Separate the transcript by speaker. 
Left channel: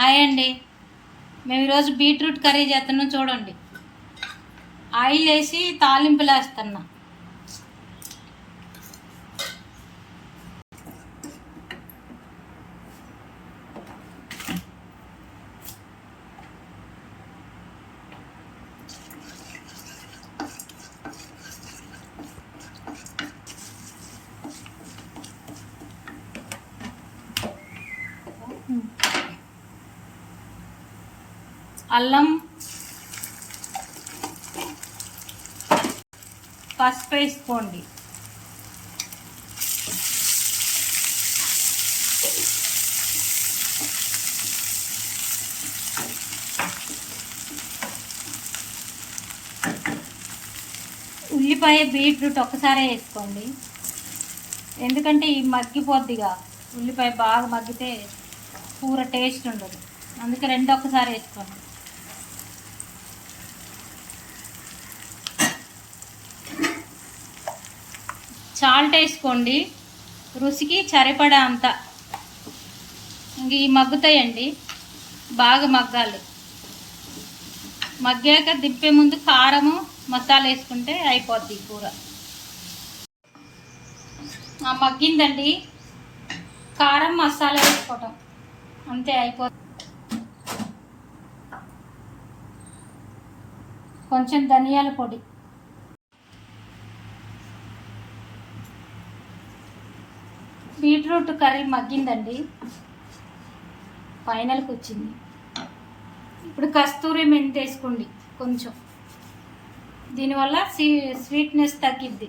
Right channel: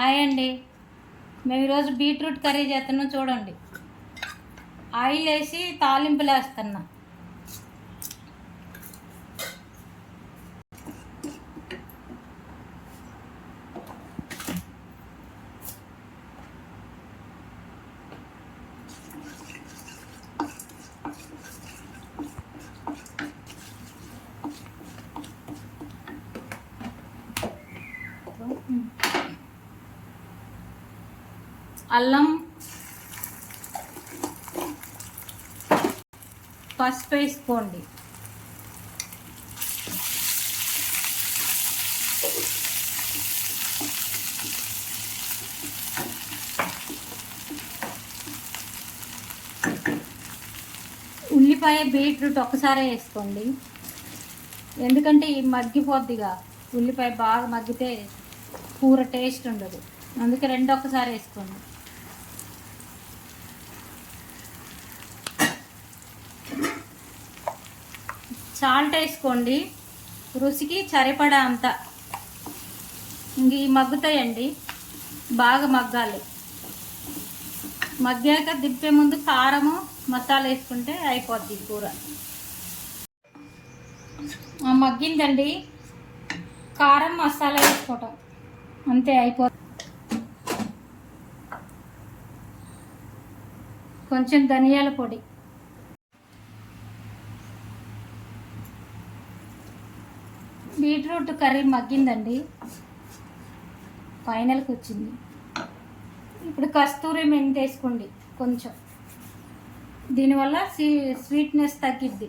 Speaker 1: Hi అండి. మేము ఈరోజు బీట్రూట్ కర్రీ చేస్తున్నాం చూడండి. ఆయిల్ వేసి తాలింపులు వేస్తున్నా అల్లం పసుపు వేసుకోండి. ఉల్లిపాయ బీట్రూట్ ఒకసారి వేసుకోండి. ఎందుకంటే ఈ మగ్గిపోద్దిగా. ఉల్లిపాయ బాగా మగ్గితే కూర టేస్ట్ ఉండదు. అందుకే రెండు ఒకసారి వేసుకోండి. సాల్ట్ వేసుకోండి. రుచికి సరిపడా అంత. ఇంక ఈ మగ్గుతాయండి. బాగా మగ్గాలి. మగ్గాక దింపే ముందు కారము మసాలా వేసుకుంటే అయిపోద్ది కూర. ఆ, మగ్గిందండి. కారం మసాలా వేసుకోవటం. అంతే అయిపోతుంది కొంచెం ధనియాల పొడి. బీట్రూట్ కర్రీ మగ్గిందండి. ఫైనల్కి వచ్చింది. ఇప్పుడు కస్తూరి మెంతి వేసుకోండి కొంచెం. దీనివల్ల స్వీ స్వీట్నెస్ తగ్గిద్ది.